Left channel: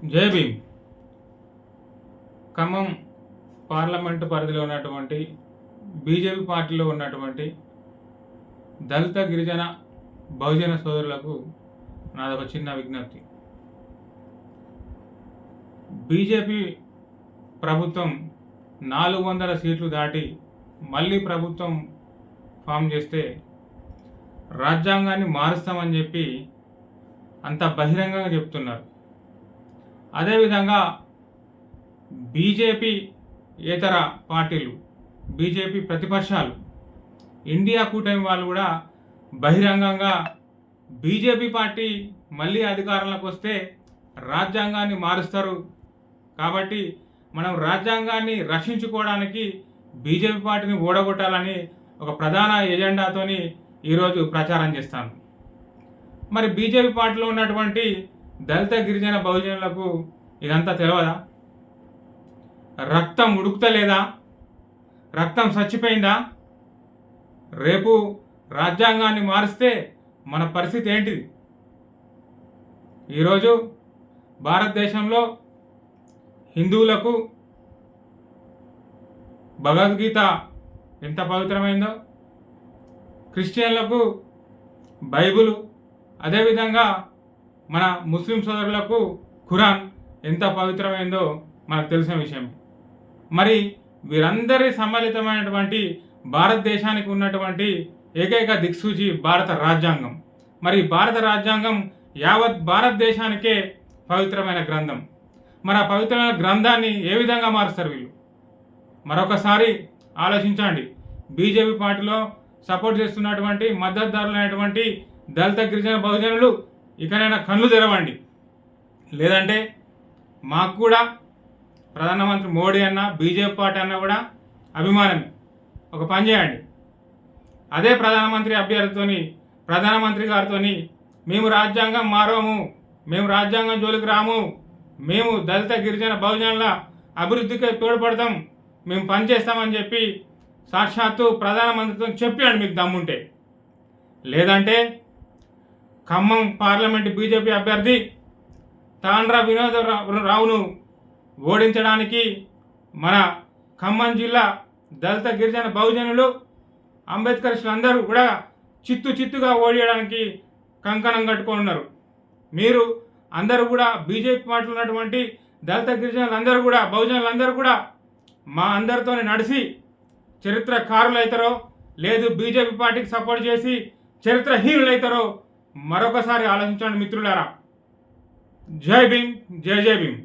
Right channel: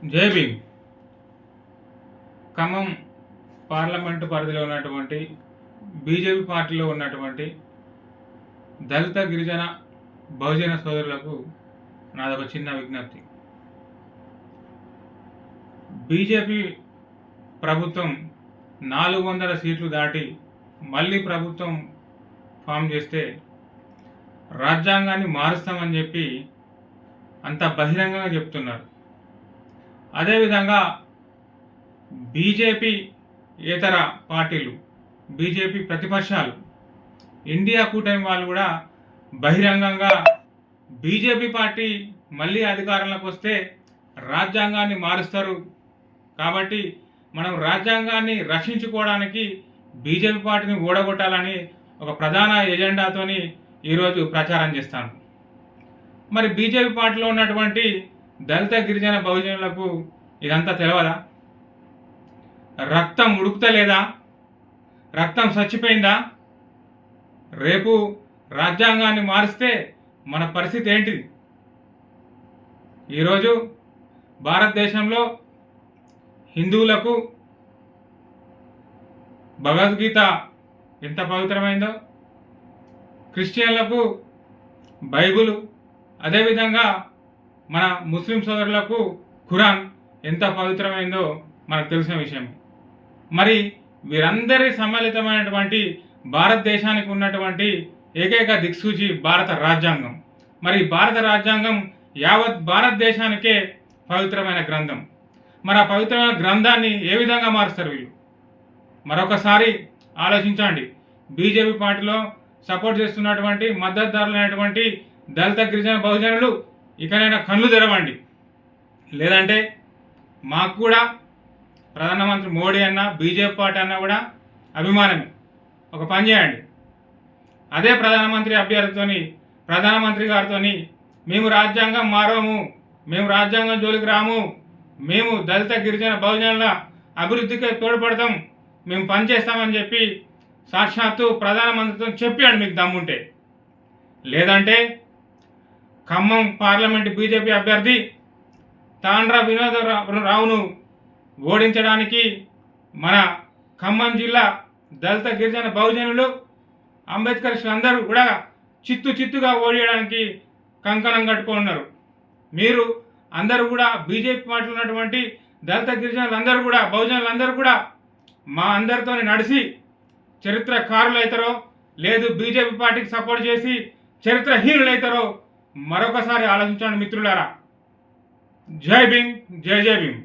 జై భీమ్. ఖమ్మం పార్లమెంటు పరిధిలో ఉన్నటువంటి బీజేపీ పార్టీలో ఉన్నటువంటి దళిత గిరిజన బహుజన సోదరులకు నాదొక చిన్న విజ్ఞప్తి. బీజేపీ ప్రభుత్వం 400 సీట్లు దాటి మళ్ళీ ప్రభుత్వం ఫామ్ చేస్తే రాజ్యాంగాన్ని మారుస్తామని చెప్పి అంత బహిరంగంగా చెప్తున్నారు. అదేవిధంగా బీజేపీ ఇతర పార్టీలు, బీజేపీ ప్రతిపక్షాలు, ఇండియా కూటమి వాళ్ళు కూడా బహిరంగంగా బీజేపీ పార్టీ మళ్ళీ అధికారంలోకి వస్తే రాజ్యాంగాన్ని మారుస్తారు కాబట్టి మనం రాజ్యాంగాన్ని రక్షించుకోవడానికి బీజేపీ పార్టీని ఓడగొట్టాలని ఒక ప్రధాన ఎజెండాతోని ఈరోజు ప్రచారం చేస్తాను. మరి బీజేపీ పార్టీలో ఉన్నటువంటి దళిత గిరిజన బహుజనులకు ఇదంతా తెలియదా? రక్తం ఉడుకుతలేదా? రక్తం చచ్చిపోయిందా? రేపు రాజ్యాంగాన్ని మారిస్తే మన పరిస్థితి ఏంటిది? ఈరోజు భారతదేశంలో హిందువులకు భగవద్గీత ఎంత పవిత్రమైందో, క్రిస్టియన్లకు బైబిల్, అదేవిధంగా మన ముస్లిం సోదరులకు ఖురాన్ ఎంత పవిత్రమైందో మనకు తెలిసిన విషయం. మరి వీరందరి సమ్మిళితమైనటువంటి భారతదేశానికి ఉన్నటువంటి ఏకైక దిక్సూచి భారత రాజ్యాంగం. మరి భారత రాజ్యాంగం యావత్ భారతదేశానికే పవిత్రమైన గ్రంథం. మరి ఆ పవిత్రమైన గ్రంథాన్ని ఏ విధంగా మారుస్తారు వీళ్ళు? మరొకసారి ఆలోచించండి. బీజేపీ పార్టీలో సపోర్ట్ చేస్తున్నటువంటి మద్దతుదారులైనటువంటి దళిత గిరిజన బహుజనులు ఇకనైనా కళ్ళు తెరవండి. లేదంటే మాకు కూడా ప్రధానమంత్రి మోడీ అన్న, బీజేపీ పార్టీ అన్న కూడా అభిమానమే. ఒక పని చేయండి, అదే ప్రధానమంత్రి అభ్యర్థితోని, ప్రధానమంత్రి గారితోని మేము రాజ్యాంగం మారము, మేము రాజ్యాంగం జోలికి రాము, మేము దళిత గిరిజన బహుజనుల అభివృద్ధికి తోడ్పడతాం, మేము పనిచేస్తామని చెప్పి సాక్షాత్తు ప్రధానమంత్రితో చెప్పాడు మీకు దమ్ముంటే. లేదంటే ఖమ్మం పార్లమెంటు బీజేపీ అభ్యర్థి తాండ్ర వినోదరావును ఓడించడానికి మన ఖమ్మం జిల్లా దళిత గిరిజన బహుజనులు, అంబేద్కరిస్టులు అందరూ కూడా చిత్తుగా ఓడియడానికి కంకణం కట్టుకున్నారు. మీరు అందరూ కూడా బీజేపీ పార్టీలో ఉన్నటువంటి దళిత గిరిజనులందరూ కూడా, బహుజనులందరూ కూడా మా అందరితో నడిచి చరిత్రకారులు అవుతారో, లేదు బీజేపీ పార్టీకి సపోర్ట్ చేసి చరిత్రహీనులు అవుతారో మరొకసారి ఆలోచించండి మిత్రులారా. జై భీమ్, జై జై భీమ్.